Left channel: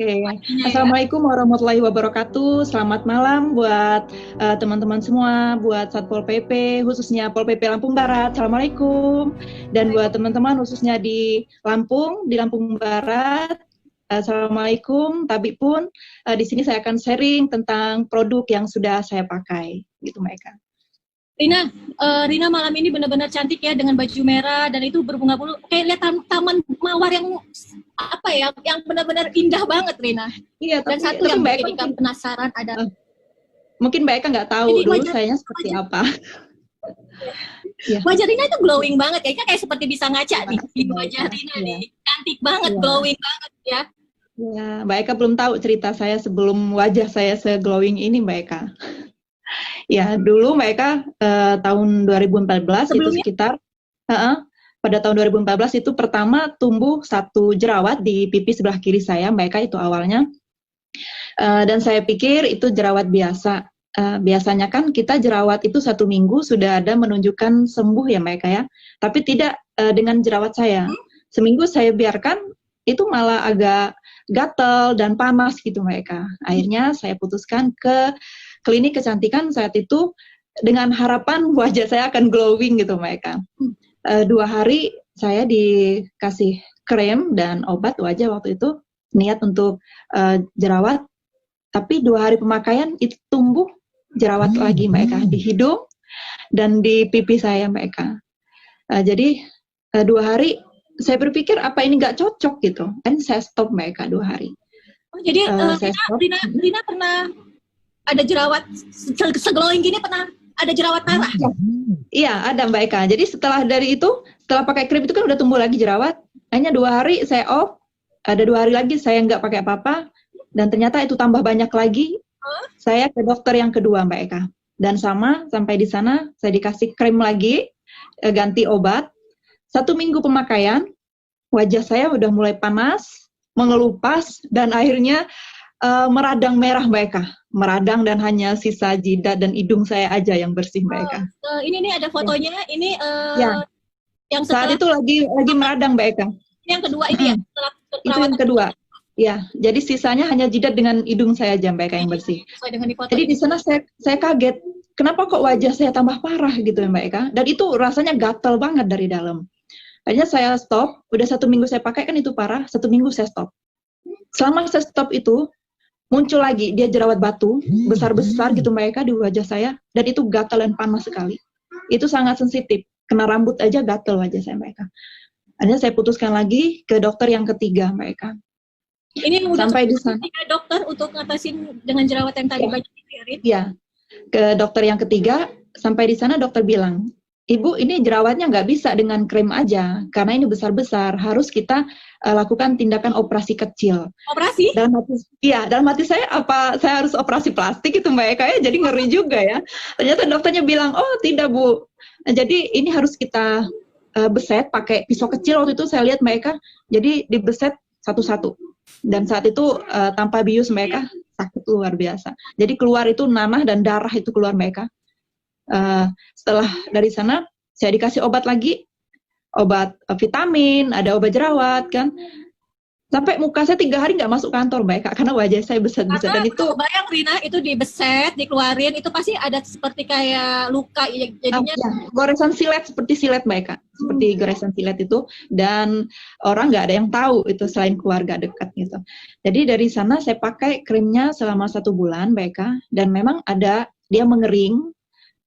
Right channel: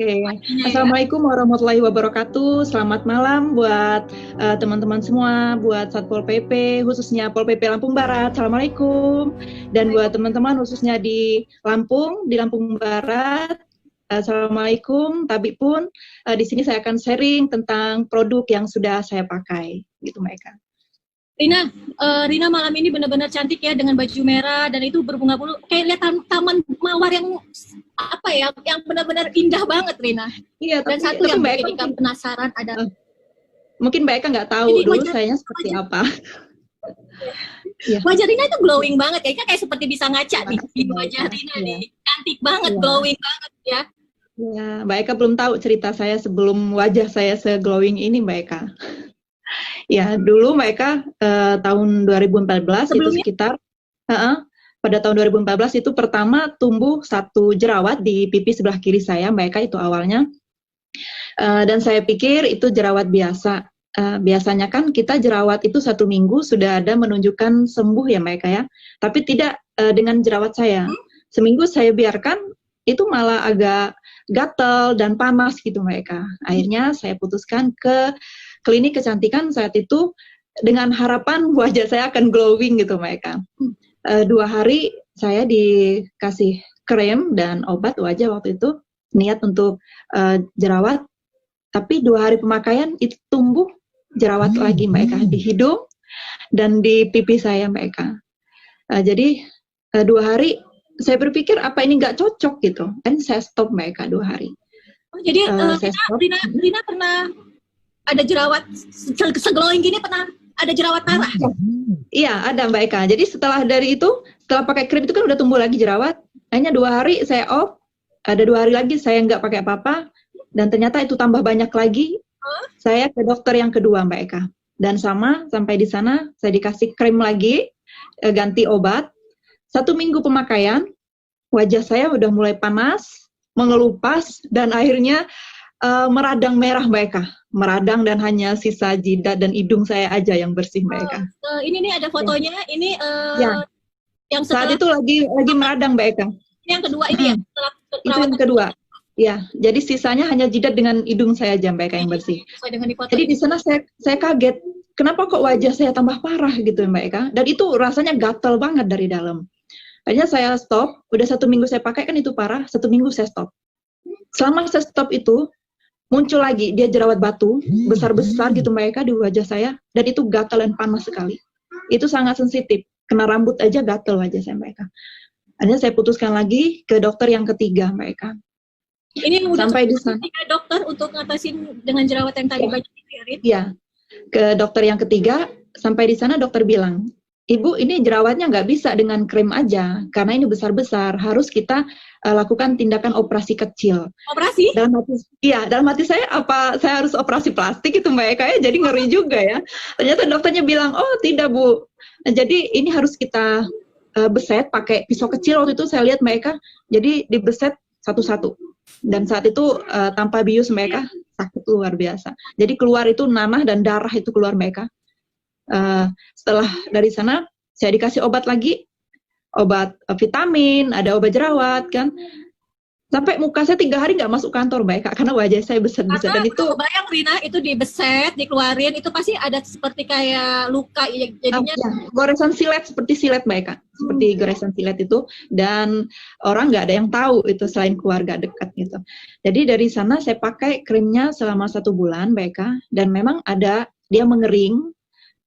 Oke, paginya ya. Assalamualaikum warahmatullahi wabarakatuh. Selamat malam buat teman-teman semua, buat Satpol PP, khususnya Pol PP Lampung Barat. Assalamualaikum. Dan buat teman-teman khususnya di Lampung Barat. Assalamualaikum. Tapi pun di sini saya akan sharing tentang produk yang sudah saya pakai, gitu mereka. Rina, Rina malam ini benar-benar cantik ya dengan baju merah dan itu berbunga-bunga. Kayak lihat taman mawar yang apa ya, yang benar-benar indah banget, Rina. Iya, Dan satu yang bikin kita penasaran ada. Mungkin Mbak Eka nggak tahu Ini dulu wajah, saya seperti apa. wajah Rina itu glowing banget ya, kayak seperti bisa ngaca nih. Di wajah Rina Ya. nih, cantik banget, glowing banget ya. Ya, Mbak Eka belum tahu cerita saya sebelum wajah saya se-glowing ini, Mbak Eka. Ya, dulu Mbak Eka tahun 2014 itu Sebelumnya? sekitar pada tahun 2014 itu pertama tumbuh satu jerawat di pipi sebelah kiri saya, Mbak Eka, itu awalnya. Dan saya pikir itu jerawat biasa. Biasanya kan kita jerawat itu 1 minggu sudah ada menunjukkan sembuh ya Mbak Eka ya. Tapi tidak dengan jerawat saya. Seminggu saya biarkan itu malah agak gatal dan panas gitu Mbak Eka. Akhirnya saya putuskan ke klinik kecantikan saat itu dengan harapan wajah saya akan glowing gitu Mbak Eka. 2 hari saya dikasih krem dan obat wajah waktu itu, niat untuk jerawat. Tapi 2 hari pemakaian itu tumbuh jerawat lagi Mbak Eka di hidung dan di pipi saya Mbak Eka. Jadi 2 hari saya berpikir apa ini nggak cocok gitu, kan saya stop Mbak Eka 2 hari. Jadi Rina pernah ada jerawat se-glowing gini, pernah ada jerawat parah? Iya ada Mbak Eka. Jadi setelah dari itu, setelah pakai krim itu kan udah tumbuh lagi jerawat. Hanya 2 hari saya off, ada 2 hari lagi saya nggak pakai apa-apa. Dan ternyata itu tambah banyak lagi. Saya ke dokter yang kedua Mbak Eka. Dan sampai di sana saya dikasih krim lagi, ganti obat. 1 minggu pemakaian, wajah saya udah mulai panas, mengelupas, dan akhirnya meradang merah Mbak Eka. Meradang dan hanya sisa jidat dan hidung saya aja yang bersih Mbak Eka. Ini nih ada fotonya, ini yang saat itu lagi meradang Mbak Eka. Yang kedua ini ya? Itu yang kedua. Ya, jadi sisanya hanya jidat dengan hidung saya aja Mbak Eka yang bersih. Jadi di sana saya kaget, kenapa kok wajah saya tambah parah gitu Mbak Eka? Dan itu rasanya gatal banget dari dalam. Akhirnya saya stop, udah 1 minggu saya pakai kan itu parah, 1 minggu saya stop. Selama saya stop itu, muncul lagi dia jerawat batu, besar-besar gitu Mbak Eka di wajah saya, dan itu gatal dan panas sekali. Itu sangat sensitif, kena rambut aja gatal wajah saya Mbak Eka. Akhirnya saya putuskan lagi ke dokter yang ketiga Mbak Eka. Ini sampai di sana dokter untuk ngatasin dengan jerawat yang tadi banyak dipikirin. Iya, ke dokter yang ketiga. Sampai di sana dokter bilang, Ibu ini jerawatnya nggak bisa dengan krem aja, karena ini besar-besar, harus kita lakukan tindakan operasi kecil. Operasi? Dalam hati saya, apa saya harus operasi plastik itu Mbak Eka ya, jadi ngeri juga ya. Ternyata dokternya bilang, oh tidak Bu, nah, jadi ini harus kita beset pakai pisau kecil. Waktu itu saya lihat Mbak Eka, jadi dibeset satu-satu. Dan saat itu tanpa bius Mbak Eka, sakit luar biasa. Jadi keluar itu nanah dan darah itu keluar Mbak Eka. Setelah dari sana saya dikasih obat lagi, obat vitamin, ada obat jerawat kan. Sampai muka saya 3 hari nggak masuk kantor Mbak Eka, karena wajah saya besar-besar. Dan itu bayang Rina, itu dibeset, dikeluarin, itu pasti ada seperti kayak luka ya, jadinya goresan silet, seperti silet Mbak Eka, seperti goresan silet itu. Dan orang nggak ada yang tahu itu selain keluarga dekat gitu. Jadi dari sana saya pakai krimnya selama 1 bulan Mbak Eka, dan memang ada dia mengering,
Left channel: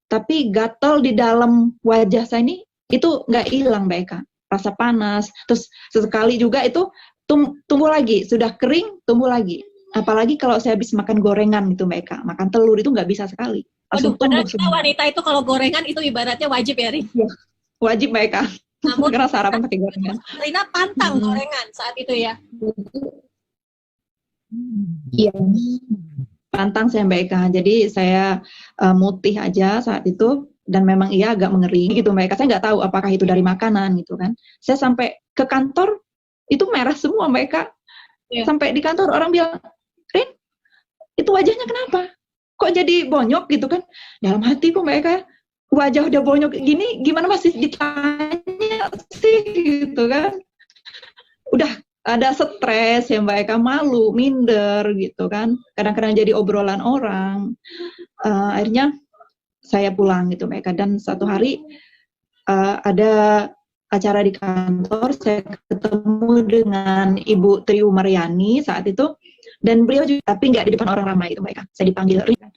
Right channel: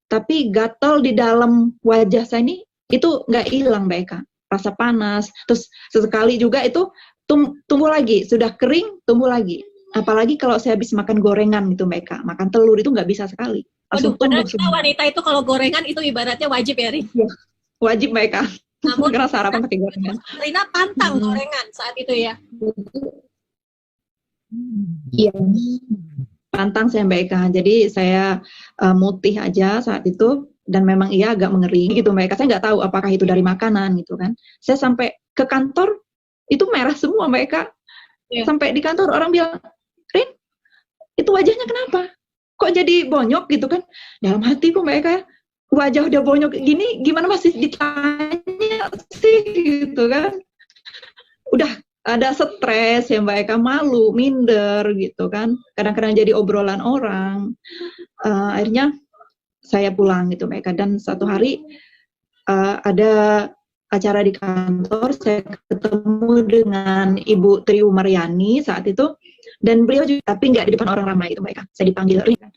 tapi gatal di dalam wajah saya ini itu nggak hilang Mbak Eka, rasa panas. Terus sesekali juga itu tumbuh lagi, sudah kering tumbuh lagi. Apalagi kalau saya habis makan gorengan gitu Mbak Eka, makan telur itu nggak bisa sekali. Langsung tumbuh semua. Wanita itu kalau gorengan itu ibaratnya wajib ya Rin? Ya, wajib Mbak Eka. Namun karena sarapan pakai gorengan. Rina pantang gorengan saat itu ya? Iya. Pantang saya Mbak Eka. Jadi saya mutih aja saat itu, dan memang iya agak mengering gitu Mbak Eka. Saya nggak tahu apakah itu dari makanan gitu kan. Saya sampai ke kantor itu merah semua Mbak Eka. Sampai di kantor orang bilang, Rin, itu wajahnya kenapa? Kok jadi bonyok gitu kan? Dalam hatiku Mbak Eka, wajah udah bonyok gini, gimana masih ditanya sih gitu kan? Udah ada stres ya Mbak Eka, malu, minder gitu kan. Kadang-kadang jadi obrolan orang. Akhirnya saya pulang gitu Mbak Eka. Dan satu hari ada acara di kantor, saya ketemu dengan Ibu Tri Mariani saat itu. Dan beliau juga, tapi nggak di depan orang ramai gitu Mbak Eka. Saya dipanggil Rina.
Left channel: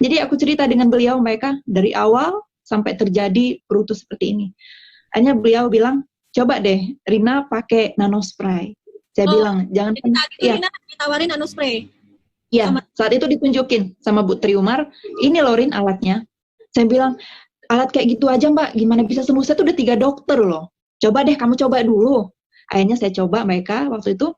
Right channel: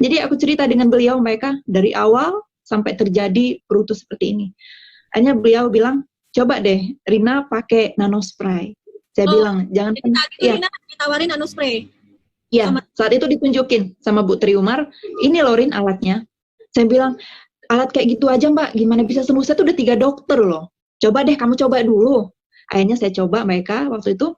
Jadi aku cerita dengan beliau Mbak Eka, dari awal sampai terjadi Brutus seperti ini. Akhirnya beliau bilang, coba deh Rina pakai nanospray. Saya bilang, jangan. Jadi saat itu Rina ditawarin nanospray. Iya, saat itu ditunjukin sama Bu Triumar, ini loh Rin alatnya. Saya bilang, alat kayak gitu aja Mbak, gimana bisa sembuh? Saya tuh udah 3 dokter loh. Coba deh kamu coba dulu. Akhirnya saya coba mereka waktu itu.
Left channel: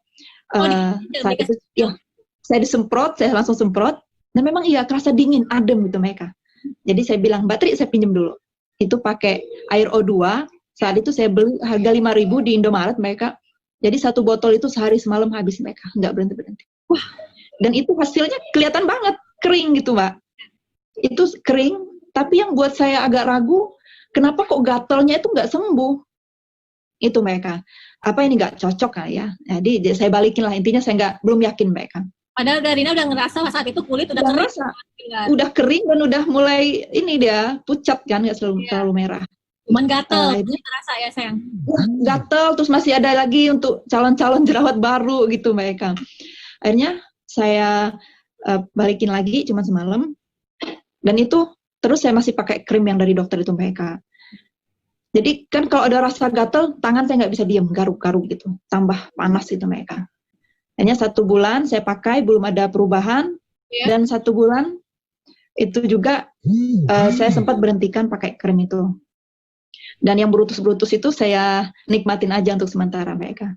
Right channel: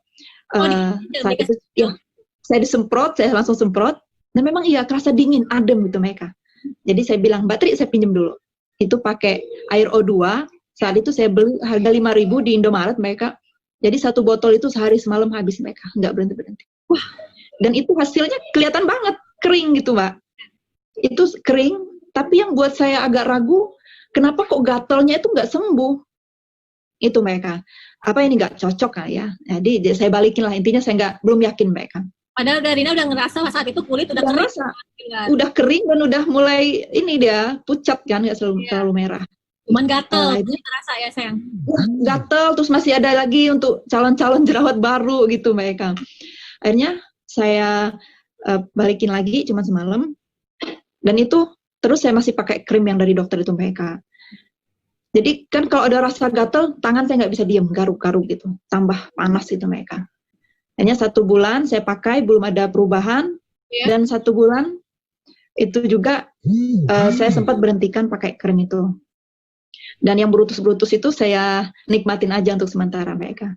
Saat itu, ya, saya disemprot, saya langsung semprot. Dan memang iya, terasa dingin, adem gitu mereka. Jadi saya bilang, Mbak Tri, saya pinjem dulu. Itu pakai air O2. Saat itu saya beli harga 5.000 di Indomaret mereka. Jadi 1 botol itu sehari semalam habis mereka, nggak berhenti-berhenti. Wah, dan itu hasilnya kelihatan banget, kering gitu Mbak. Itu kering, tapi yang buat saya agak ragu, kenapa kok gatalnya itu nggak sembuh? Itu mereka. Apa ini nggak cocok ya? Jadi saya balikin lah, intinya saya belum yakin mereka. Padahal Rina udah ngerasa saat itu kulit udah kering. Udah kering dan udah mulai ini dia, pucat kan, nggak selalu merah. Cuman gatal, itu terasa ya sayang. Gatal, terus masih ada lagi untuk calon-calon jerawat baru gitu mereka. Akhirnya saya balikin lagi cuma semalam, dan itu terus saya masih pakai krim yang dari dokter itu mereka. Jadi kan kalau ada rasa gatal, tangan saya nggak bisa diam, garuk-garuk gitu, tambah panas itu mereka. Hanya 1 bulan saya pakai, belum ada perubahan, dan 1 bulan itu juga saya sempat berhentikan pakai krim itu. Dan yang brutus-brutus itu saya nikmatin aja untuk sementara mereka.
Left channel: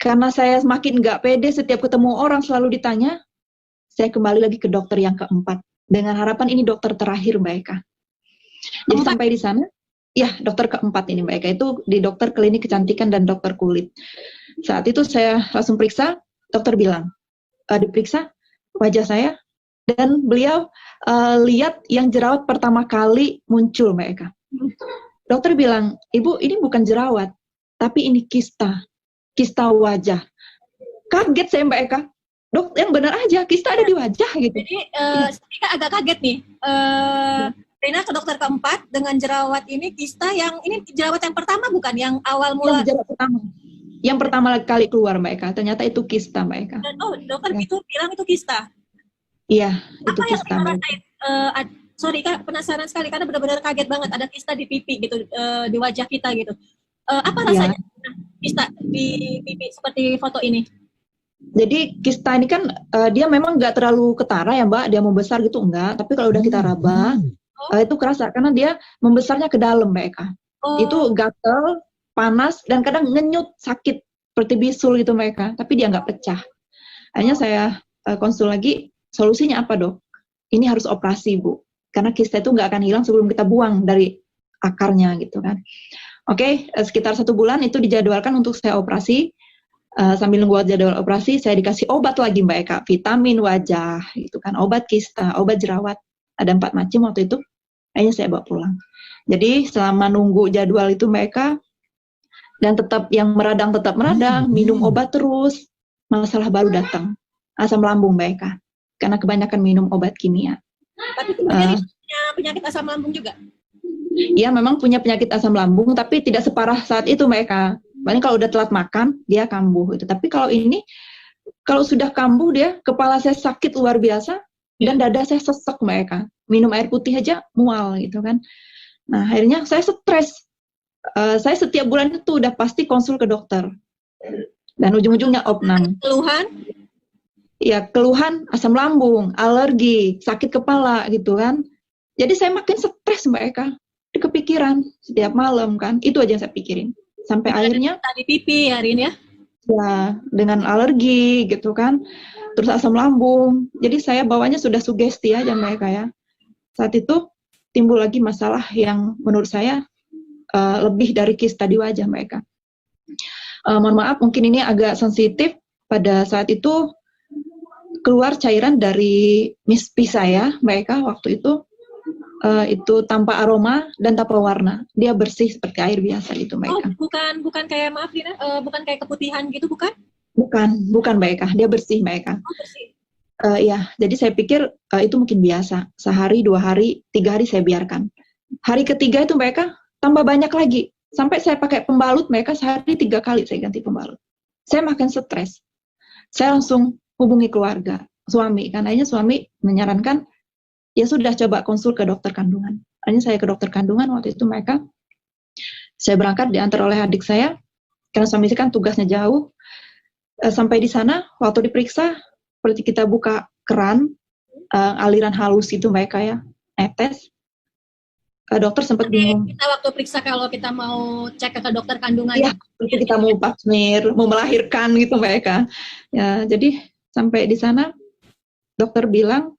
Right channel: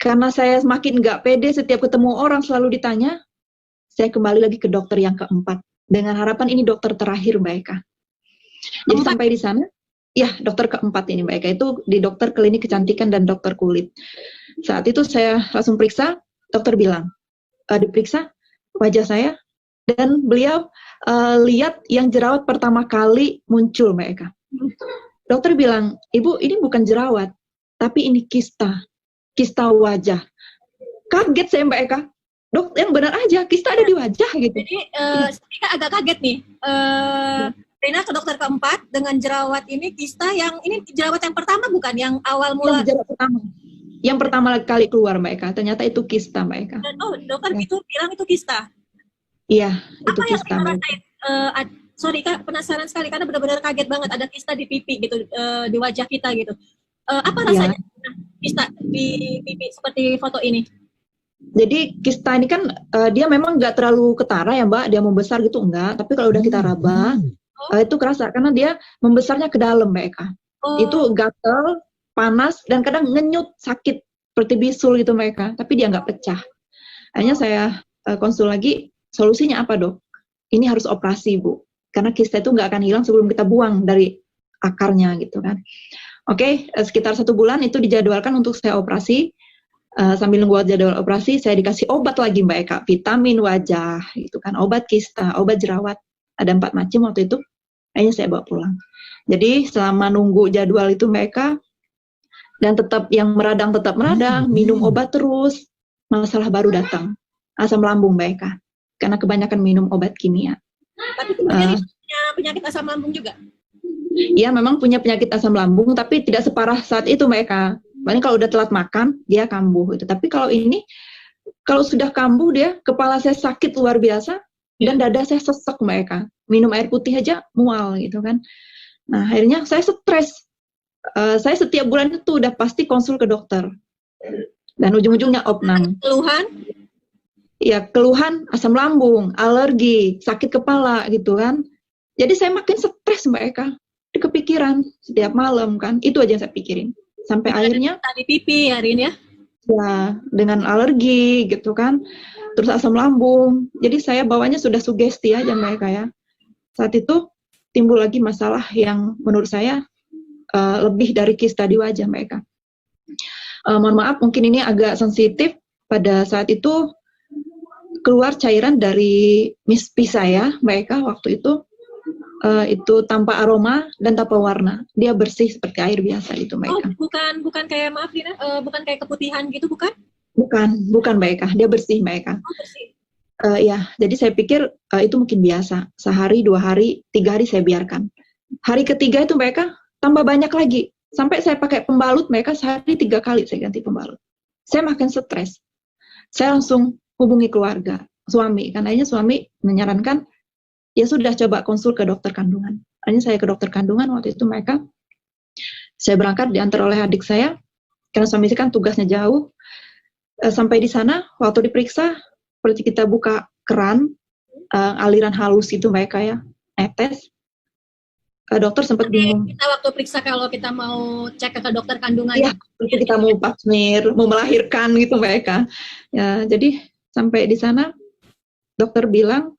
Karena saya semakin nggak pede, setiap ketemu orang selalu ditanya, saya kembali lagi ke dokter yang keempat. Dengan harapan ini dokter terakhir Mbak Eka. Jadi sampai di sana, ya dokter keempat ini Mbak Eka, itu di dokter klinik kecantikan dan dokter kulit. Saat itu saya langsung periksa, dokter bilang, diperiksa wajah saya, dan beliau lihat yang jerawat pertama kali muncul Mbak Eka. Dokter bilang, Ibu ini bukan jerawat, tapi ini kista wajah. Kaget saya Mbak Eka. Dok, yang benar aja, kista ada di wajah gitu. Jadi kita agak kaget nih. Rina ke dokter keempat dengan jerawat ini, kista yang ini jerawat yang pertama bukan yang awal mula. Jerawat pertama. Yang pertama kali keluar Mbak Eka, ternyata itu kista Mbak Eka. Dan dokter itu bilang itu kista. Iya, itu apa kista. Sorry Kak, penasaran sekali karena benar-benar kaget banget ada kista di pipi gitu, di wajah kita gitu. Apa rasanya kista di pipi seperti foto ini? Jadi kista ini kan dia memang nggak terlalu ketara ya Mbak, dia membesar gitu enggak, tapi kalau udah kita raba itu kerasa karena dia membesarnya ke dalam Mbak Eka. Itu gatel, panas, dan kadang ngenyut, sakit seperti bisul gitu Mbak Eka, tapi dia nggak pecah. Akhirnya saya konsul lagi, solusinya apa dok? Ini harus operasi Bu, karena kista itu nggak akan hilang sebelum kita buang dari akarnya gitu kan. Oke, sekitar 1 bulan itu dijadwalkan untuk saya operasi. Sambil nunggu jadwal operasi, saya dikasih obat lagi Mbak Eka, vitamin wajah gitu kan, obat kista, obat jerawat, ada 4 macam waktu itu. Akhirnya saya bawa pulang. Jadi selama nunggu jadwal itu Mbak Eka, dan tetap yang meradang tetap meradang, minum obat terus, masalah baru datang, asam lambung Mbak Eka, karena kebanyakan minum obat kimia. Tapi kemudian punya penyakit asam lambung juga? Iya memang punya penyakit asam lambung, tapi tidak separah saat itu Mbak Eka. Paling kalau udah telat makan, dia kambuh gitu. Tapi kalau ini, kalau sudah kambuh dia, kepala saya sakit luar biasa, dan dada saya sesek Mbak Eka. Minum air putih aja mual gitu kan. Nah akhirnya saya stres. Saya setiap bulan itu udah pasti konsul ke dokter. Dan ujung-ujungnya opnam. Keluhan? Ya keluhan asam lambung, alergi, sakit kepala gitu kan. Jadi saya makin stres Mbak Eka. Kepikiran setiap malam kan. Itu aja yang saya pikirin. Sampai akhirnya di pipi ya Rin ya? Ya, dengan alergi gitu kan, terus asam lambung. Jadi saya bawanya sudah sugesti aja mereka ya. Saat itu timbul lagi masalah yang menurut saya lebih dari kista di wajah mereka. Mohon maaf, mungkin ini agak sensitif. Pada saat itu keluar cairan dari mispi saya, mereka waktu itu tanpa aroma dan tanpa warna, dia bersih seperti air biasa gitu mereka. Bukan kayak maaf Dina, bukan kayak keputihan gitu bukan? bukan Mbak Eka, dia bersih Mbak Eka. Oh, bersih. Ya, jadi saya pikir itu mungkin biasa. Sehari, 2 hari, 3 hari saya biarkan. Hari ketiga itu Mbak Eka tambah banyak lagi. Sampai saya pakai pembalut Mbak Eka sehari 3 kali saya ganti pembalut. Saya makin stres. Saya langsung hubungi keluarga, suami. Kan akhirnya suami menyarankan, ya sudah coba konsul ke dokter kandungan. Akhirnya saya ke dokter kandungan waktu itu Mbak Eka. Saya berangkat diantar oleh adik saya. Karena suami saya kan tugasnya jauh. Sampai di sana, waktu diperiksa, seperti kita buka keran, aliran halus itu mereka ya, netes. Dokter sempat bingung. Kita waktu periksa kalau kita mau cek ke dokter kandungan. Iya, seperti kita mau pasmir, mau melahirkan gitu mereka. Ya, jadi sampai di sana, dokter bilang,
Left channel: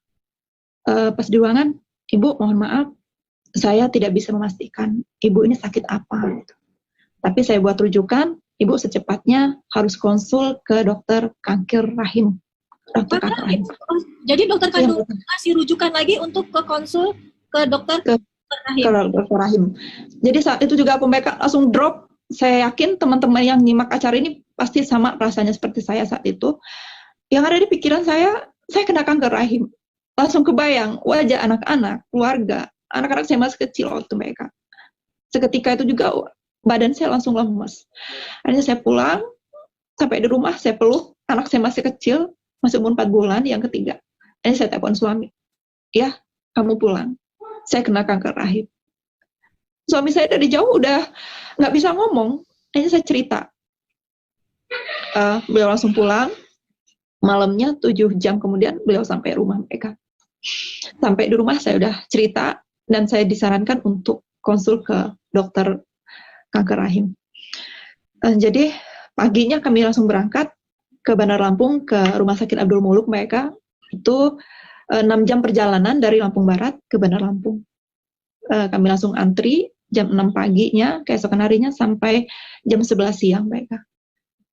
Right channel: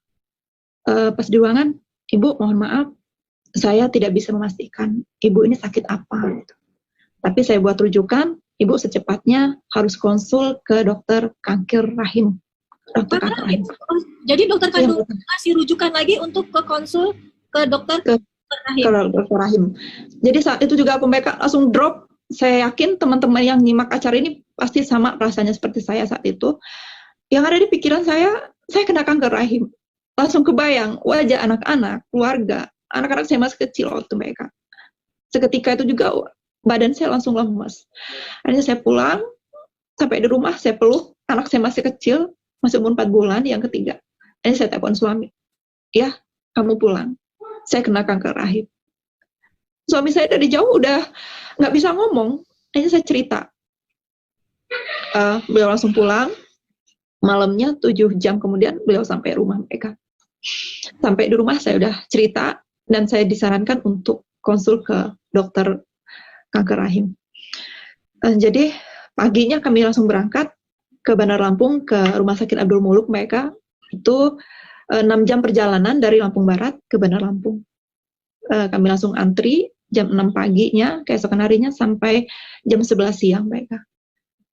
pas di ruangan, Ibu mohon maaf, saya tidak bisa memastikan Ibu ini sakit apa. Gitu. Tapi saya buat rujukan, Ibu secepatnya harus konsul ke dokter kanker rahim. Dokter kanker rahim. Jadi dokter kandungan kasih rujukan lagi untuk ke konsul ke dokter rahim. Ke dokter rahim. Jadi saat itu juga aku mereka langsung drop. Saya yakin teman-teman yang nyimak acara ini pasti sama rasanya seperti saya saat itu. Yang ada di pikiran saya kena kanker rahim. Langsung kebayang wajah anak-anak, keluarga, anak-anak saya masih kecil waktu mereka. Seketika itu juga badan saya langsung lemas. Akhirnya saya pulang, sampai di rumah saya peluk, anak saya masih kecil, masih umur 4 bulan, yang ketiga. Akhirnya saya telepon suami, ya kamu pulang, saya kena kanker rahim. Suami saya dari jauh udah nggak bisa ngomong, akhirnya saya cerita. Beliau langsung pulang, malamnya 7 jam kemudian beliau sampai rumah mereka. Sampai di rumah saya udah cerita, dan saya disarankan untuk konsul ke dokter kanker rahim. Jadi paginya kami langsung berangkat ke Bandar Lampung, ke Rumah Sakit Abdul Muluk mereka. Itu 6 jam perjalanan dari Lampung Barat ke Bandar Lampung. Kami langsung antri jam 6 paginya, keesokan harinya sampai jam 11 siang mereka.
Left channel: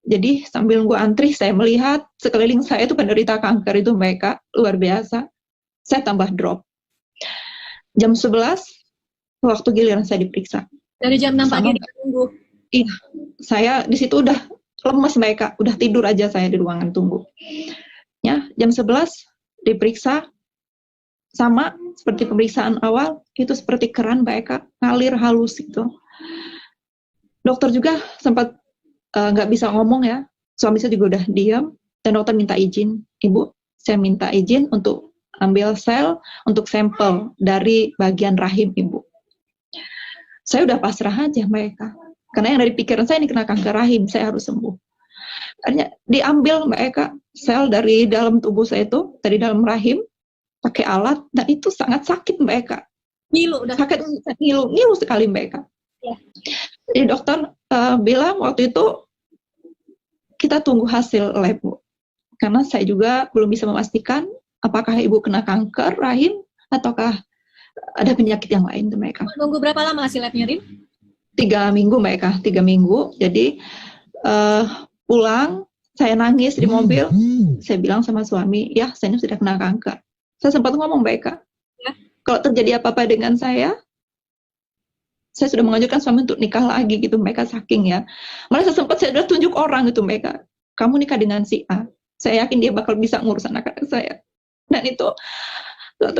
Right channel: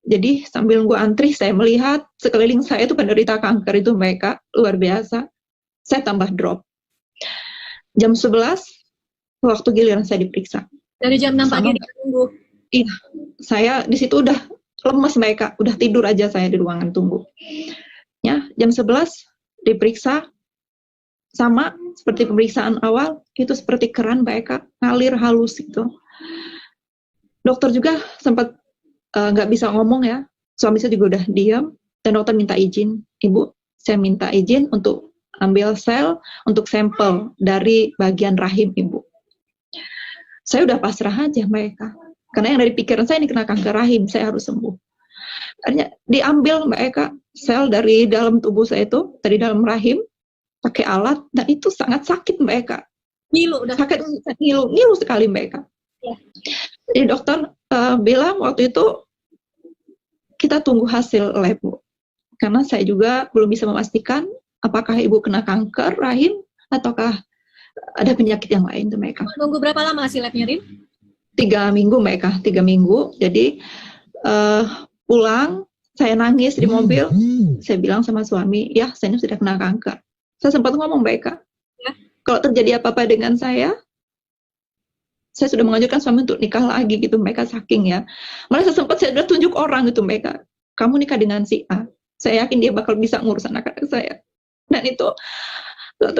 Jadi sambil nunggu antri, saya melihat sekeliling saya itu penderita kanker itu mereka, luar biasa. Saya tambah drop. Jam 11, waktu giliran saya diperiksa. Dari jam 6 pagi ditunggu. Iya, saya di situ udah lemas mereka, udah tidur aja saya di ruangan tunggu. Ya, jam 11 diperiksa, sama seperti pemeriksaan awal, itu seperti keran mereka, ngalir halus itu. Dokter juga sempat nggak bisa ngomong ya, suami saya juga udah diam, dan dokter minta izin, Ibu, saya minta izin untuk ambil sel untuk sampel dari bagian rahim Ibu. Saya udah pasrah aja mereka. Karena yang dari pikiran saya ini kena kanker rahim, saya harus sembuh. Akhirnya diambil mereka sel dari dalam tubuh saya itu, dari dalam rahim, pakai alat, dan itu sangat sakit mereka. Ngilu, udah sakit, ngilu sekali mereka. Ya. Jadi dokter bilang waktu itu, kita tunggu hasil lab, Bu. Karena saya juga belum bisa memastikan apakah Ibu kena kanker rahim, ataukah ada penyakit yang lain tuh mereka. Menunggu berapa lama hasil labnya, Rin? 3 minggu mereka, 3 minggu. Jadi pulang, saya nangis di mobil. Saya bilang sama suami, ya saya ini sudah kena kanker. Saya sempat ngomong mereka, ya, kalau terjadi apa-apa dengan saya sudah mengajukan suami untuk nikah lagi gitu mereka, saking ya. Malah sempat saya udah tunjuk orang itu mereka, kamu nikah dengan si A. Saya yakin dia bakal bisa ngurus anak-anak saya. Dan itu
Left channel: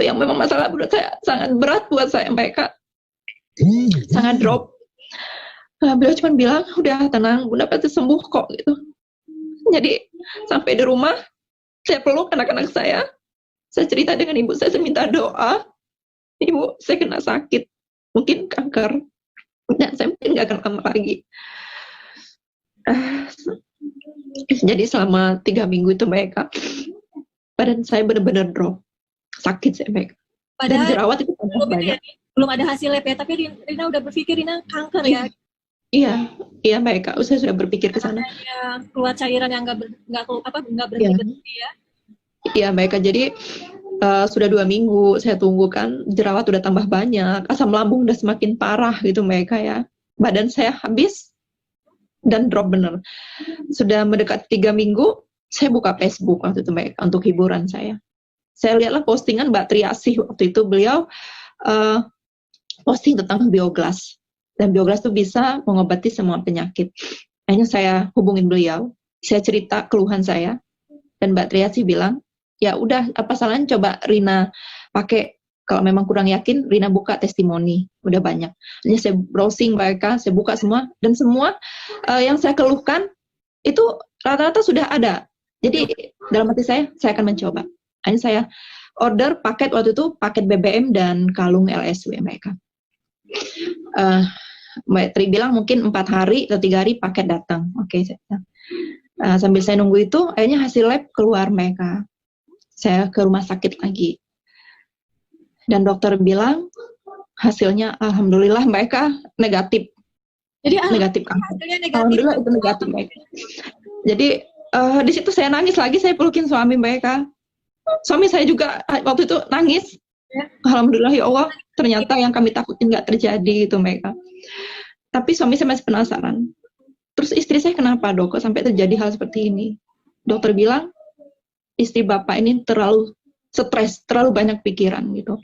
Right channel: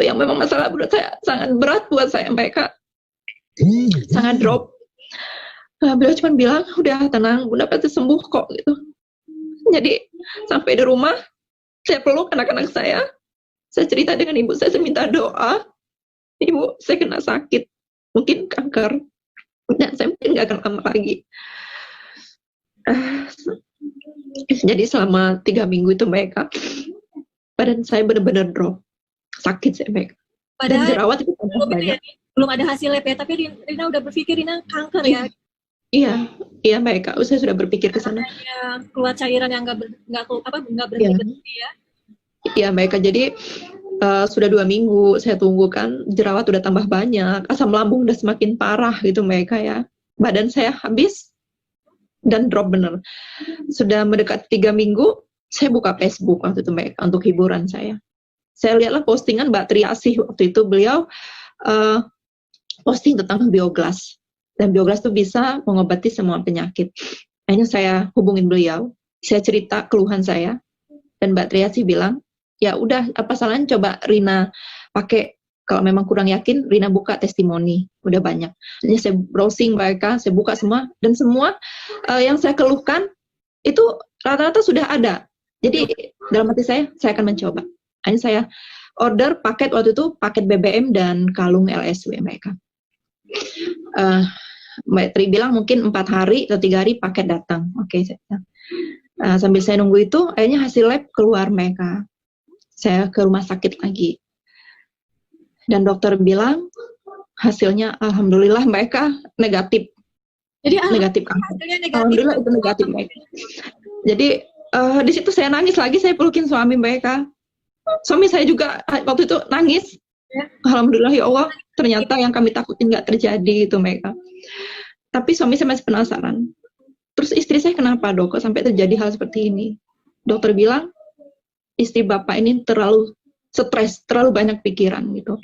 yang memang masalah buat saya, sangat berat buat saya mereka. Sangat drop. Beliau cuma bilang, udah tenang, Bunda pasti sembuh kok gitu. Jadi sampai di rumah, saya peluk anak-anak saya cerita dengan ibu saya minta doa, Ibu, saya kena sakit, mungkin kanker, dan saya mungkin nggak akan kanker lagi. Jadi selama 3 minggu itu mereka, badan saya benar-benar drop, sakit saya mereka. Padahal dirawat itu belum ada hasil lab ya, tapi Rina udah berpikir Rina kanker ya. Iya mereka, saya sudah berpikir ke sana. Keluar cairan yang nggak berhenti ya. Iya mereka, jadi sudah 2 minggu saya tunggu kan, jerawat udah tambah banyak, asam lambung udah semakin parah gitu mereka ya. Badan saya habis dan drop bener. Sudah mendekat 3 minggu, saya buka Facebook waktu itu mereka untuk hiburan saya. Saya lihatlah postingan Mbak Triasih waktu itu, beliau posting tentang biogas. Dan biogas itu bisa mengobati semua penyakit. Akhirnya saya hubungin beliau. Saya cerita keluhan saya, dan Mbak Triasi bilang, ya udah, apa salahnya coba Rina pakai, kalau memang kurang yakin, Rina buka testimoni, udah banyak. Jadi saya browsing mereka, saya buka semua, dan semua yang saya keluhkan itu rata-rata sudah ada. Jadi dalam hati saya akan mencoba. Hanya saya order paket waktu itu, paket BBM dan kalung LSW mereka. Mbak Tri bilang mungkin 4 hari atau 3 hari paket datang. Oke, sambil saya nunggu itu, akhirnya hasil lab keluar mereka. Saya ke rumah sakit lagi. Dan dokter bilang, hasilnya alhamdulillah mereka negatif. Jadi Negatif. hasilnya negatif. Alhamdulillah itu negatif mereka. Jadi di situ saya nangis lagi, saya pelukin suami mereka. Suami saya juga waktu itu nangis. Ya. Alhamdulillah ya Allah, ternyata yang kami takutin nggak terjadi itu mereka. Tapi suami saya masih penasaran. Terus istri saya kenapa dok, kok sampai terjadi hal seperti ini? Dokter bilang, istri bapak ini terlalu stres, terlalu banyak pikiran gitu.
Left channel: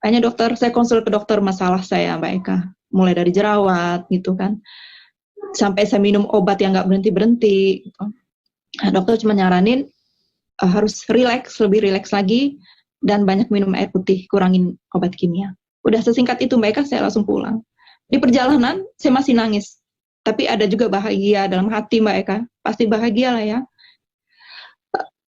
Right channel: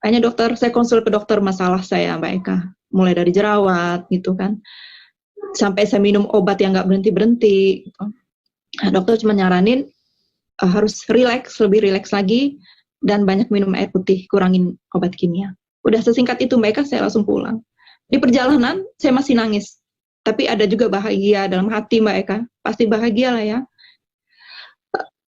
Hanya dokter, saya konsul ke dokter masalah saya Mbak Eka. Mulai dari jerawat gitu kan. Sampai saya minum obat yang nggak berhenti-berhenti. Gitu. Nah, dokter cuma nyaranin, harus relax, lebih relax lagi. Dan banyak minum air putih, kurangin obat kimia. Udah sesingkat itu mereka, saya langsung pulang. Di perjalanan, saya masih nangis. Tapi ada juga bahagia dalam hati Mbak Eka. Pasti bahagia lah ya.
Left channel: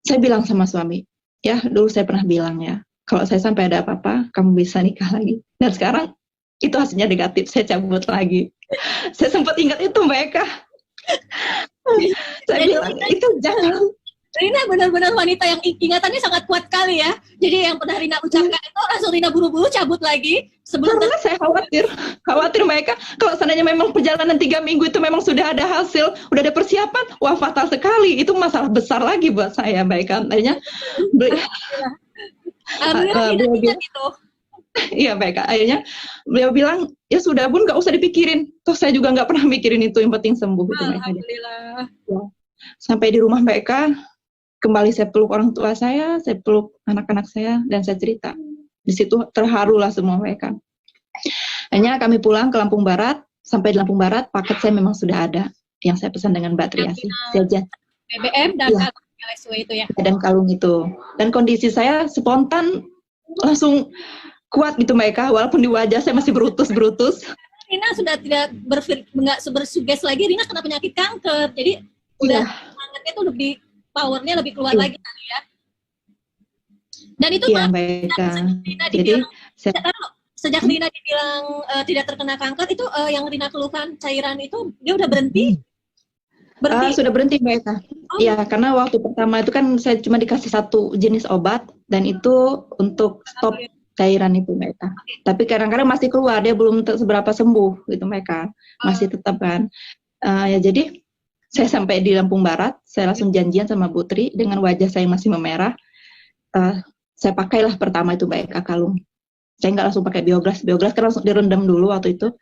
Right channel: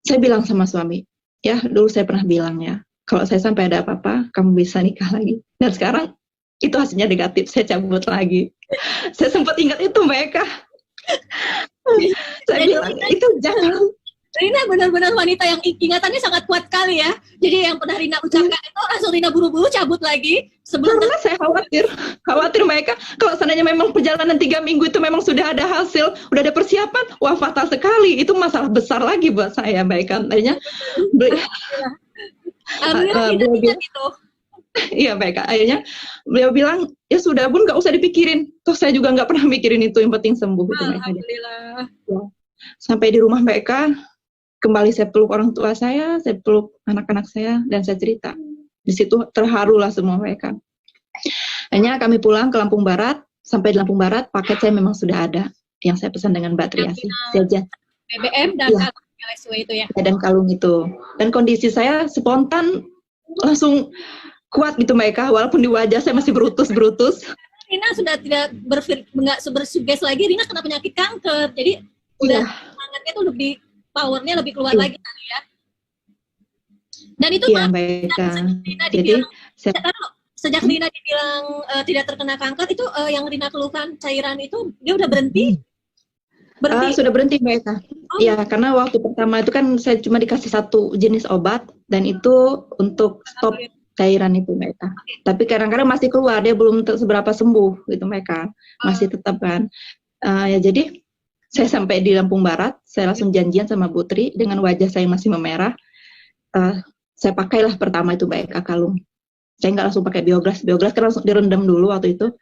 Saya bilang sama suami, ya dulu saya pernah bilang ya, kalau saya sampai ada apa-apa, kamu bisa nikah lagi. Dan sekarang, itu hasilnya negatif, saya cabut lagi. Saya sempat ingat itu Mbak Eka. Saya bilang, itu jangan. Rina benar-benar wanita yang ingatannya sangat kuat kali ya. Jadi yang pernah Rina ucapkan itu langsung Rina buru-buru cabut lagi. Karena saya khawatir mereka. Kalau seandainya memang perjalanan 3 minggu itu memang sudah ada hasil, udah ada persiapan, wah fatal sekali. Itu masalah besar lagi buat saya, Mbak Eka. Iya Mbak Eka. Akhirnya beliau bilang, ya sudah pun nggak usah dipikirin. Toh saya juga nggak pernah mikirin itu, yang penting sembuh. Itu, Alhamdulillah. Ya. Sampai di rumah Mbak Eka, kembali saya peluk orang tua saya peluk anak-anak saya, dan saya cerita. Di situ terharulah semua mereka. Hanya kami pulang ke Lampung Barat, sampai di Lampung Barat, paket saya memang sudah ada, yang saya pesan dengan Mbak Triasi. BBM dan ya. kalung LSW itu ya. Dan kalung itu. Dan kondisi saya spontan, langsung kuat gitu mereka, walaupun di wajah saya masih berutus-berutus. Rina sudah tidak bersuges lagi, Rina kena penyakit kanker, jadi udah semangatnya tuh lebih, powernya lebih keluar lagi kali ya. Dan itu kan sejak Rina dibilang tidak terkena kanker itu, yang Rina keluhkan cairan itu dia udah berhenti. Sudah berhenti Mbak Eka. Ya, karena waktu pertama itu kan saya cuma dikasih 1 jenis obat, dan itu untuk stop cairan itu Mbak Eka. Tapi kadang-kadang masih keluar, dia belum seberapa sembuh gitu Mbak Eka. Masih tetap kan. Ya jadi saya sampai di Lampung Barat, saya langsung janjian sama Bu Tri, dengan wajah saya masih memerah. Saya pakailah pertama itu Mbak Eka kalung. Saya nggak langsung pakai biogras kan langsung direndam dulu waktu itu.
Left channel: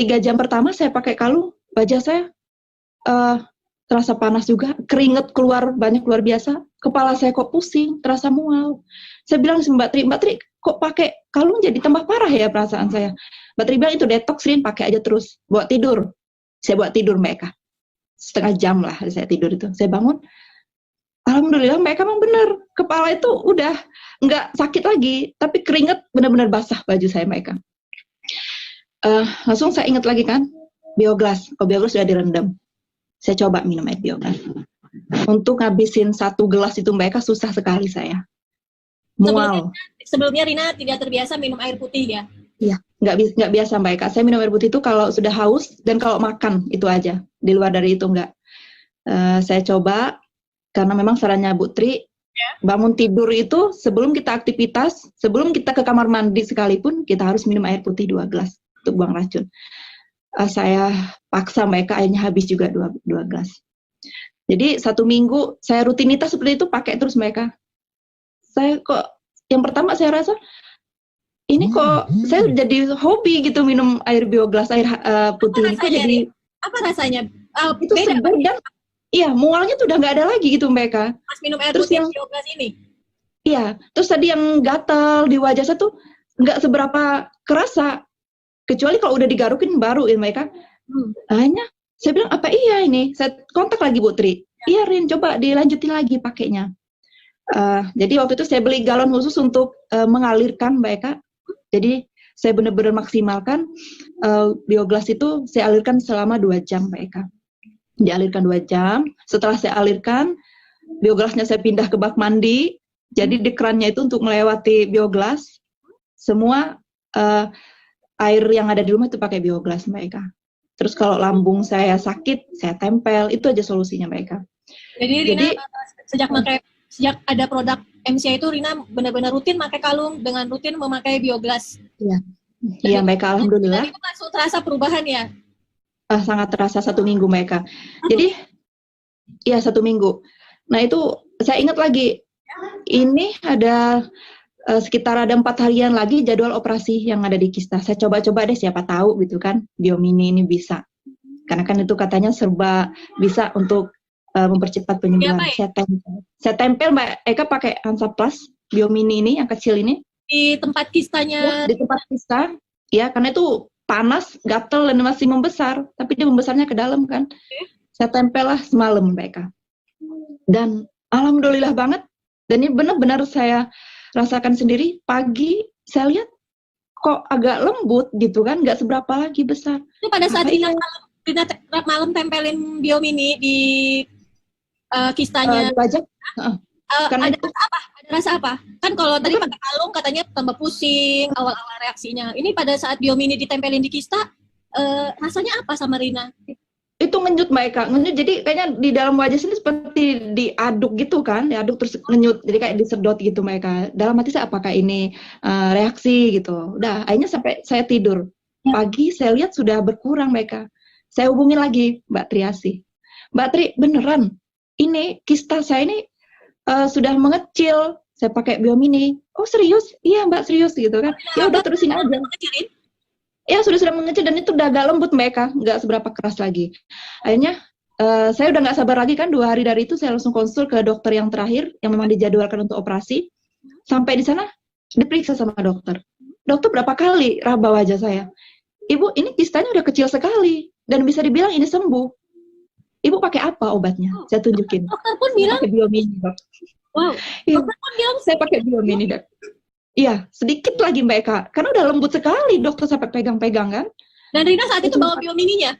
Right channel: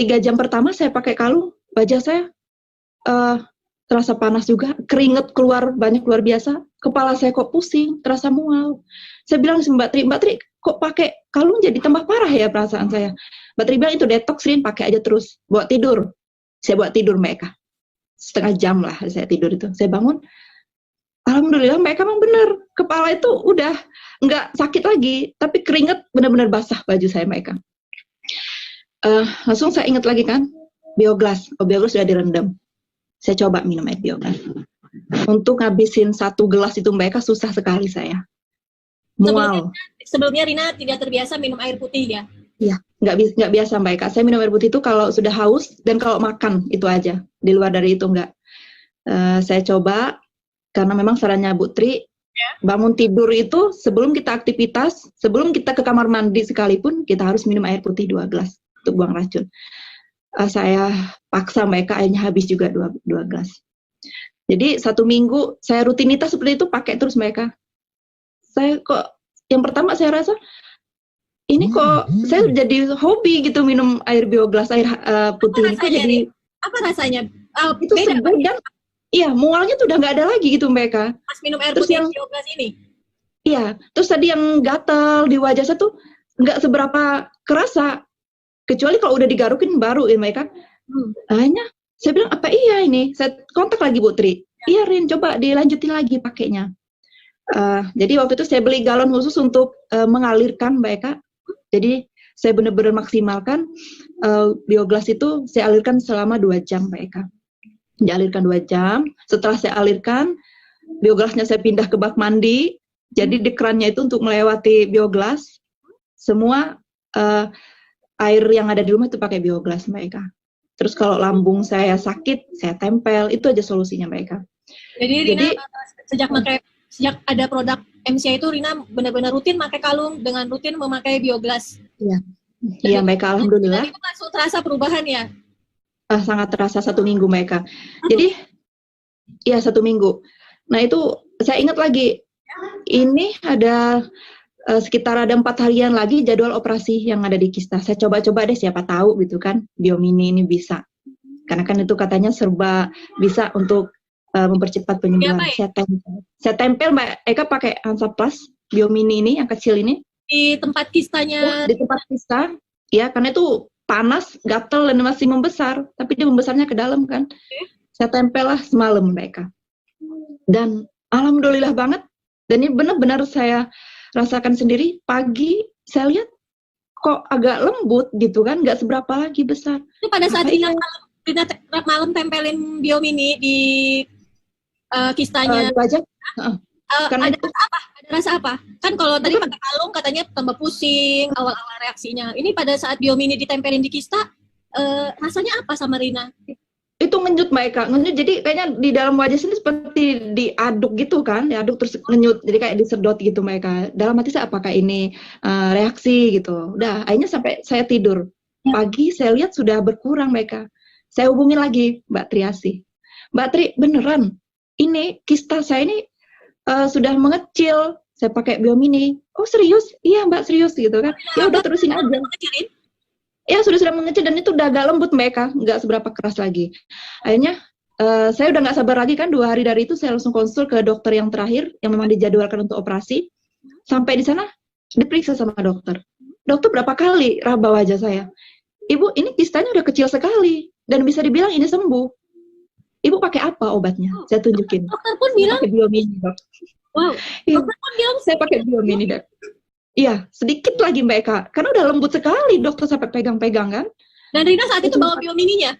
3 jam pertama saya pakai kalung, wajah saya terasa panas juga, keringet keluar banyak luar biasa, kepala saya kok pusing, terasa mual. Saya bilang sama Mbak Tri, kok pakai kalung jadi tambah parah ya perasaan saya. Mbak Tri bilang itu detox, Rin, pakai aja terus, buat tidur. Saya buat tidur mereka. Setengah jam lah saya tidur itu. Saya bangun, alhamdulillah mereka memang benar, kepala itu udah nggak sakit lagi, tapi keringet benar-benar basah baju saya mereka. Langsung saya ingat lagi kan, biogras sudah direndam. Saya coba minum air biogras. Untuk ngabisin 1 gelas itu mereka susah sekali saya. Mual. Sebelumnya Rina tidak terbiasa minum air putih ya? Iya, nggak biasa Mbak Eka. Saya minum air putih itu kalau sudah haus dan kalau makan itu aja. Di luar dari itu nggak. Saya coba karena memang sarannya Bu Tri, bangun tidur itu sebelum kita aktivitas, sebelum kita ke kamar mandi sekalipun, kita harus minum air putih 2 gelas untuk buang racun. Saya paksa mereka, akhirnya habis juga 2 gelas. Jadi 1 minggu saya rutinitas seperti itu, pakai terus mereka. Saya kok yang pertama saya rasa ini kok saya jadi hobi gitu minum air biogras, air putih. Apa rasanya? Itu iya, mualnya tuh udah nggak ada lagi gitu mereka. Pas minum air putih biogras ini? Iya, terus tadi yang gatal di wajah saya tuh nggak seberapa kerasa. Kecuali kalau udah digarukin baru ya mereka. Hanya Saya bilang, apa iya ini? Saya kontak lagi Bu Tri. Iya Rin, coba dilanjutin lagi pakainya. Jadi waktu itu saya beli galon khusus untuk mengalirkan Mbak Eka. Jadi saya benar-benar maksimalkan bioglas itu saya alirkan selama 2 jam Mbak Eka. Dialirkan 2 jam. Setelah saya alirkan, bioglasnya saya pindah ke bak mandi. Jadi di kerannya itu untuk melewati bioglas. Semua air yang ada di rumah itu pakai bioglas Mbak Eka. Terus kalau lambung saya sakit, saya tempel. Itu aja solusinya Mbak Eka. Jadi Rina sejak ada produk MCI itu Rina benar-benar rutin pakai kalung dengan rutin memakai bioglas. Iya. Iya Mbak Eka, alhamdulillah. Itu langsung terasa perubahan ya? Sangat terasa 1 minggu Mbak Eka. Jadi, iya 1 minggu. Nah itu saya ingat lagi, ini ada sekitar ada 4 harian lagi jadwal operasi yang ada di kista. Saya coba-coba deh siapa tahu gitu kan, Biomini ini bisa. Karena kan itu katanya serba bisa untuk mempercepat penyembuhan. Ya, saya tempel Mbak Eka pakai Hansaplast Biomini ini yang kecil ini di tempat kistanya. di tempat kista. Ya karena itu panas, gatel dan masih membesar, tapi dia membesarnya ke dalam kan. Saya tempel lah semalam Mbak Eka. Dan alhamdulillah banget. Dan ini benar-benar saya rasakan sendiri. Pagi saya lihat kok agak lembut gitu kan, nggak seberapa lagi besar. Itu pada saat Rina malam tempelin Biomini di kistanya. Karena ada rasa apa? Kan kalau tadi pakai kalung katanya tambah pusing awal-awal reaksinya. Ini pada saat Biomini ditempelin di kista, rasanya apa sama Rina? Itu ngenyut Mbak Eka, ngenyut jadi kayaknya di dalam wajah sini seperti diaduk gitu kan, diaduk terus ngenyut, jadi kayak disedot gitu Mbak Eka. Dalam hati saya apakah ini reaksi gitu. Udah akhirnya sampai saya tidur. Pagi saya lihat sudah berkurang Mbak Eka. Saya hubungin lagi Mbak Triasi. Mbak Tri beneran ini kista saya ini sudah mengecil. Saya pakai Biomini. Oh serius? Iya Mbak serius gitu kan. Ya udah terusin aja. Ya sudah mengecil dan itu udah agak lembut Mbak Eka, nggak seberapa keras lagi. Akhirnya saya udah nggak sabar lagi kan, 2 hari dari itu saya langsung konsul ke dokter yang terakhir yang memang dijadwalkan untuk operasi. Sampai di sana diperiksa sama dokter. Dokter berapa kali raba wajah saya. Ibu ini kistanya udah kecil sekali dan bisa dibilang ini sembuh. Ibu pakai apa obatnya? Saya tunjukin. Dokter pun bilang pakai Biomini. Wow. Dokter pun bilang saya pakai Biomini dok. Iya, sedikit lagi Mbak Eka. Karena udah lembut sekali, dokter sampai pegang-pegang kan. Dan Rina saat itu bawa Biomininya?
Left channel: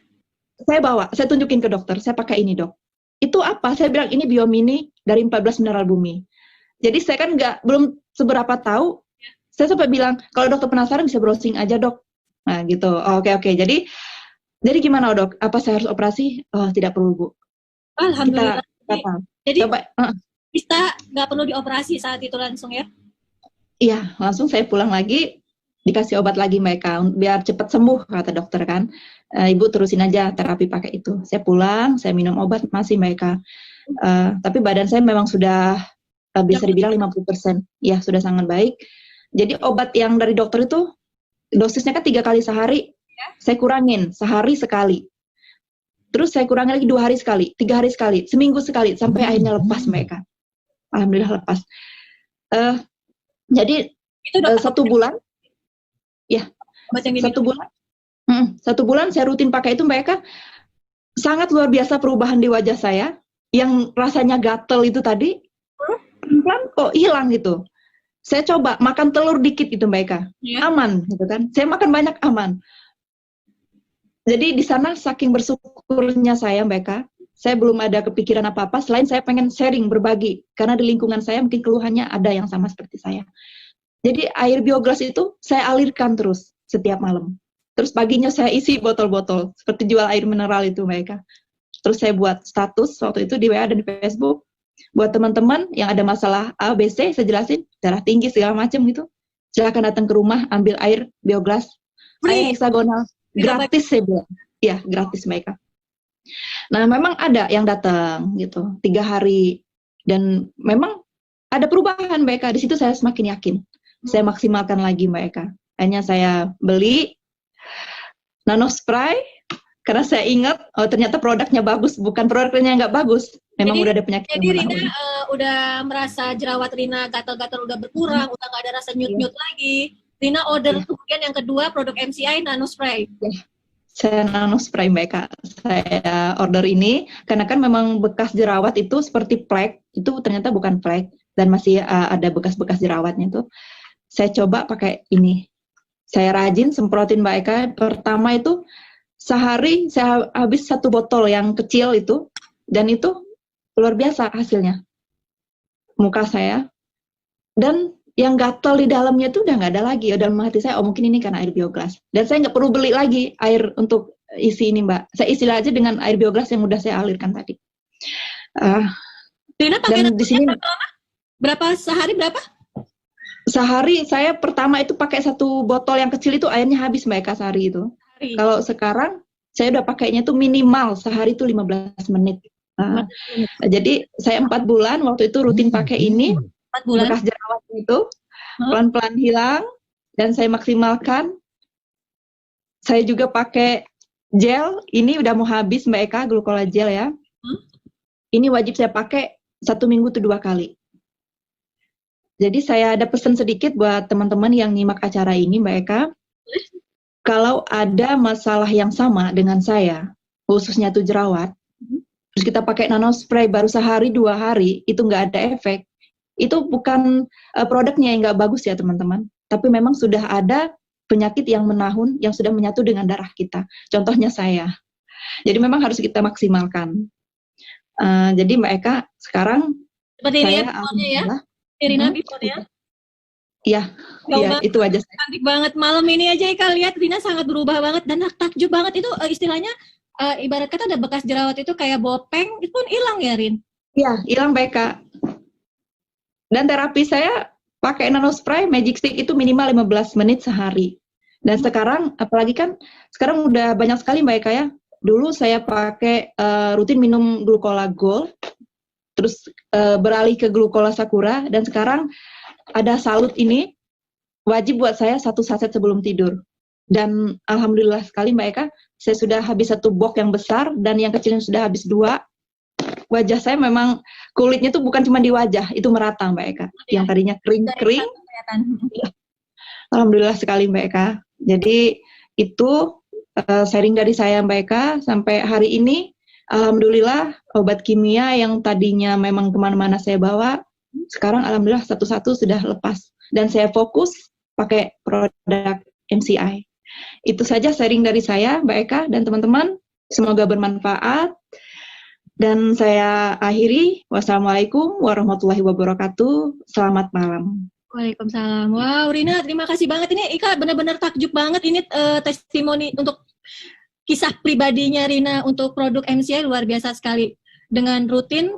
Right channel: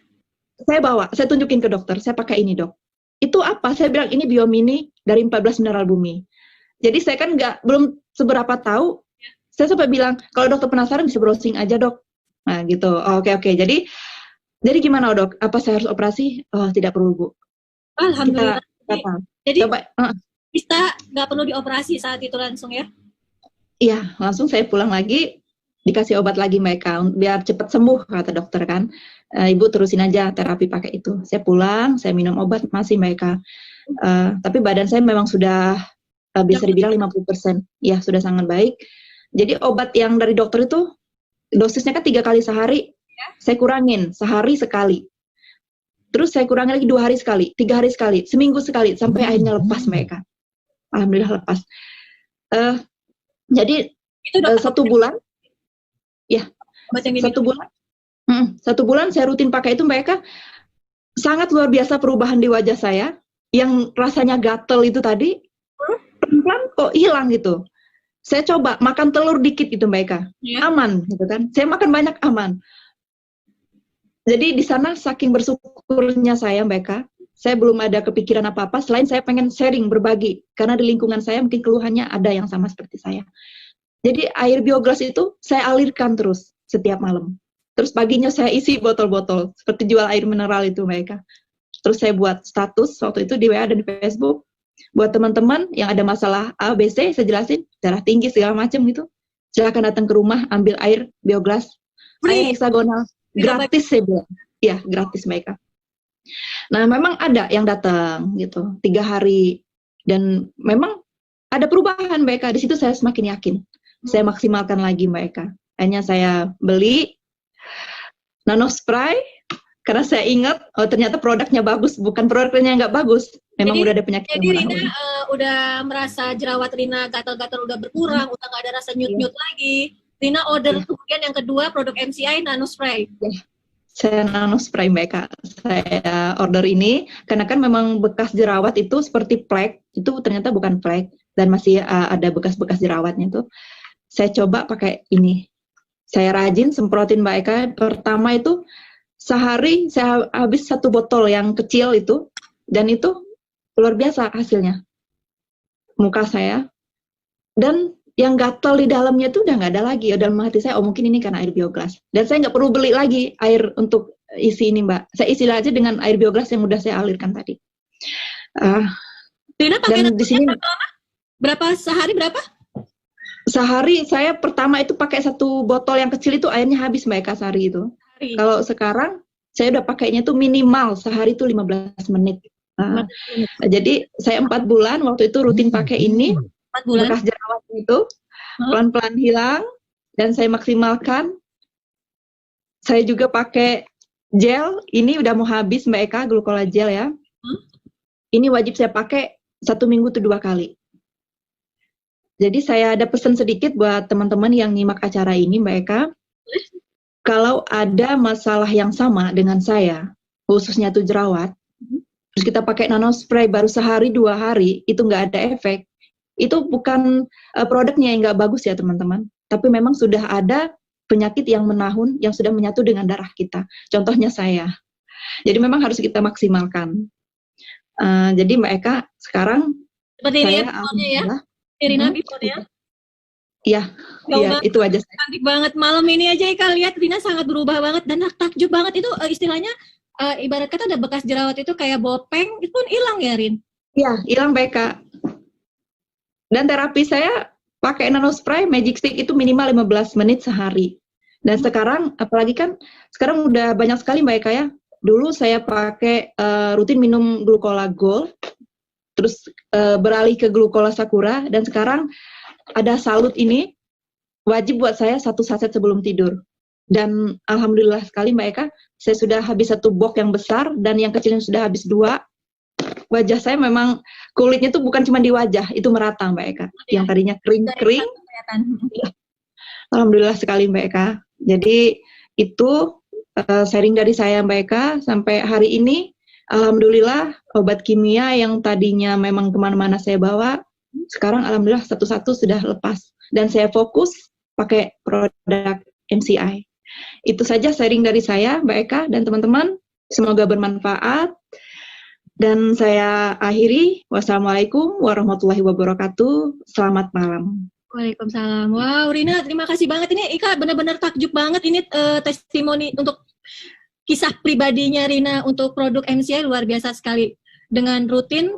Saya bawa, saya tunjukin ke dokter, saya pakai ini dok. Itu apa? Saya bilang ini Biomini dari 14 mineral bumi. Jadi saya kan belum seberapa tahu, saya sempat bilang, kalau dokter penasaran bisa browsing aja dok. Nah gitu, oke. Jadi gimana dok? Apa saya harus operasi? Tidak perlu Bu. Alhamdulillah. Jadi kita nggak perlu dioperasi saat itu langsung ya? Iya, langsung saya pulang lagi, dikasih obat lagi Mbak Eka, biar cepat sembuh kata dokter kan. Ibu terusin aja terapi pakai itu. Saya pulang, saya minum obat masih Mbak Eka. Tapi badan saya memang sudah bisa dibilang 50%. Ya, sudah sangat baik. Jadi obat yang dari dokter itu, dosisnya kan 3 kali sehari, saya kurangin, sehari sekali. Terus saya kurangi lagi 2 hari sekali, 3 hari sekali, seminggu sekali, sampai akhirnya lepas Mbak Eka. Alhamdulillah lepas. Jadi itu 1 bulan, ya 1 bulan, 1 bulan saya rutin pakai itu Mbak Eka. Sangat luar biasa perubahan di wajah saya. Yang rasanya gatel itu tadi, kan kok hilang gitu. Saya coba makan telur dikit gitu Mbak Eka, aman gitu kan. Saya makan banyak aman. Jadi di sana saking bersyukurnya saya Mbak Eka, saya belum ada kepikiran apa-apa selain saya pengen sharing, berbagi. Karena di lingkungan saya mungkin keluhannya ada yang sama seperti saya. Jadi air bioglas itu saya alirkan terus setiap malam. Terus paginya saya isi botol-botol seperti jual air mineral itu mereka. Terus saya buat status waktu itu di WA dan di Facebook. Buat teman-teman yang ada masalah A, B, C, saya jelasin darah tinggi segala macam gitu. Silakan datang ke rumah ambil air bioglas, air heksagonal gratis saya bilang. Iya gratis mereka. Nah memang ada yang datang gitu 3 hari dan memang ada perubahan mereka. Di situ saya semakin yakin. Saya maksimalkan lagi Mbak Eka. Hanya saya beli nano spray karena saya ingat ternyata produknya bagus, bukan produknya nggak bagus. Memang udah ada penyakit. Jadi Rina udah merasa jerawat Rina gatal-gatal udah berkurang, udah nggak ada rasa nyut-nyut lagi. Rina order kemudian yang kedua produk MCI nano spray. Saya nano spray Mbak Eka. Saya order ini karena kan memang bekas jerawat itu seperti plek, itu ternyata bukan plek dan masih ada bekas-bekas jerawatnya itu. Saya coba pakai ini. Saya rajin semprotin Mbak Eka. Pertama itu sehari saya habis 1 botol yang kecil itu, dan itu luar biasa hasilnya. Muka saya dan yang gatal di dalamnya tuh udah nggak ada lagi. Dalam hati saya, oh mungkin ini karena air biogas. Dan saya nggak perlu beli lagi air untuk isi ini, Mbak. Saya isi aja dengan air biogas yang udah saya alirkan tadi. Rina pakai Dan di sini berapa sehari berapa? sehari saya pertama itu pakai 1 botol yang kecil itu airnya habis Mbak Eka sehari itu. Hari. Kalau sekarang saya udah pakainya tuh minimal sehari itu 15 menit. Jadi saya 4 bulan waktu itu rutin pakai ini. 4 bulan. Bekas jerawat itu pelan-pelan hilang dan saya maksimalkan. Saya juga pakai gel, ini udah mau habis Mbak Eka, glukola gel ya. Ini wajib saya pakai 1 minggu tuh 2 kali. Jadi saya ada pesan sedikit buat teman-teman yang nyimak acara ini Mbak Eka. Kalau ada masalah yang sama dengan saya, khususnya tuh jerawat, terus kita pakai nano spray baru sehari 2 hari, itu nggak ada efek. Itu bukan produknya yang nggak bagus ya teman-teman, tapi memang sudah ada penyakit yang menahun, yang sudah menyatu dengan darah kita. Contohnya saya. Jadi memang harus kita maksimalkan. Jadi Mbak Eka, sekarang seperti ini saya ya, Rina before ya. Iya, itu aja. Cantik banget. Malam ini aja Eka lihat Rina sangat berubah banget dan takjub banget itu istilahnya ibarat kata ada bekas jerawat itu kayak bopeng, itu pun hilang ya Rin? Iya, hilang Mbak Eka. Dan terapi saya pakai nano spray magic stick itu minimal 15 menit sehari. Dan sekarang apalagi kan sekarang udah banyak sekali Mbak Eka ya. Dulu saya pakai rutin minum glukola gold, terus beralih ke glukola sakura, dan sekarang ada salut ini wajib buat saya 1 saset sebelum tidur. Dan alhamdulillah sekali Mbak Eka, saya sudah habis 1 box yang besar dan yang kecilnya sudah habis 2. Wajah saya memang kulitnya tuh bukan cuma di wajah, itu merata Mbak Eka. Yang tadinya kering-kering. Alhamdulillah sekali Mbak Eka. Jadi itu sharing dari saya Mbak Eka sampai hari ini. Alhamdulillah obat kimia yang tadinya memang kemana-mana saya bawa, sekarang alhamdulillah satu-satu sudah lepas. Dan saya fokus pakai produk MCI. Itu saja sharing dari saya Mbak Eka dan teman-teman. Semoga bermanfaat. Dan saya akhiri, wassalamualaikum warahmatullahi wabarakatuh. Selamat malam. Waalaikumsalam. Wow, Rina, terima kasih banget. Ini Ika benar-benar takjub banget. Ini testimoni untuk kisah pribadinya Rina untuk produk MCI luar biasa sekali. Dengan rutin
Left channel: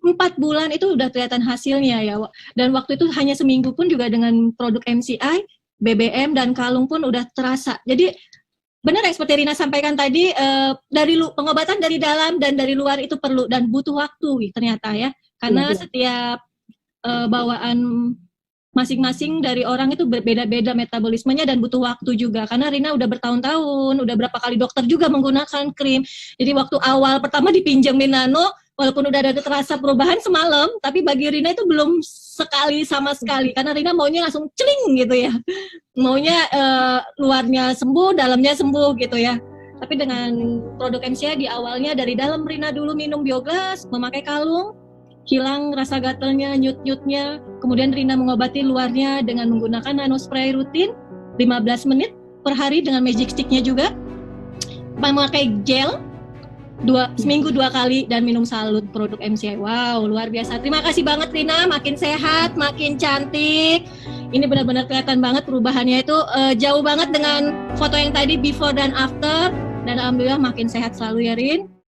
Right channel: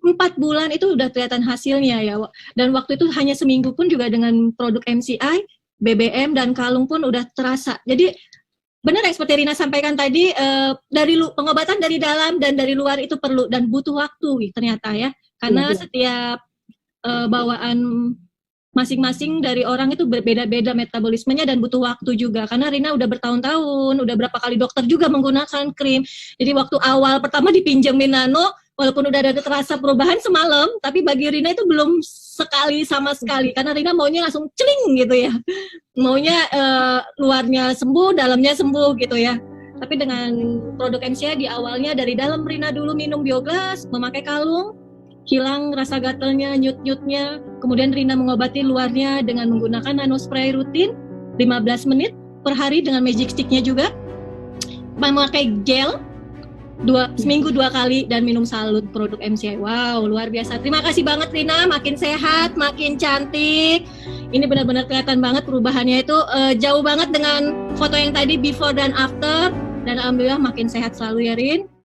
4 bulan itu udah kelihatan hasilnya ya. Dan waktu itu hanya seminggu pun juga dengan produk MCI, BBM dan kalung pun udah terasa. Jadi benar ya seperti Rina sampaikan tadi, dari pengobatan dari dalam dan dari luar itu perlu dan butuh waktu ternyata ya. Karena setiap bawaan masing-masing dari orang itu berbeda-beda metabolismenya dan butuh waktu juga. Karena Rina udah bertahun-tahun, udah berapa kali dokter juga menggunakan krim. Jadi waktu awal pertama dipinjemin nano, walaupun udah ada terasa perubahan semalam, tapi bagi Rina itu belum sekali sama sekali. Karena Rina maunya langsung celing gitu ya. Maunya luarnya sembuh, dalamnya sembuh gitu ya. Tapi dengan produk MCI di awalnya dari dalam Rina dulu minum biogas, memakai kalung, hilang rasa gatalnya, nyut-nyutnya. Kemudian Rina mengobati luarnya dengan menggunakan nano spray rutin 15 menit per hari dengan magic stick-nya juga. Memakai gel seminggu 2 kali dan minum salut produk MCI. Wow, luar biasa. Terima kasih banget Rina, makin sehat, makin cantik. Ini benar-benar kelihatan banget perubahannya itu jauh banget dengan foto yang tadi before dan after. Dan alhamdulillah makin sehat selalu ya Rin.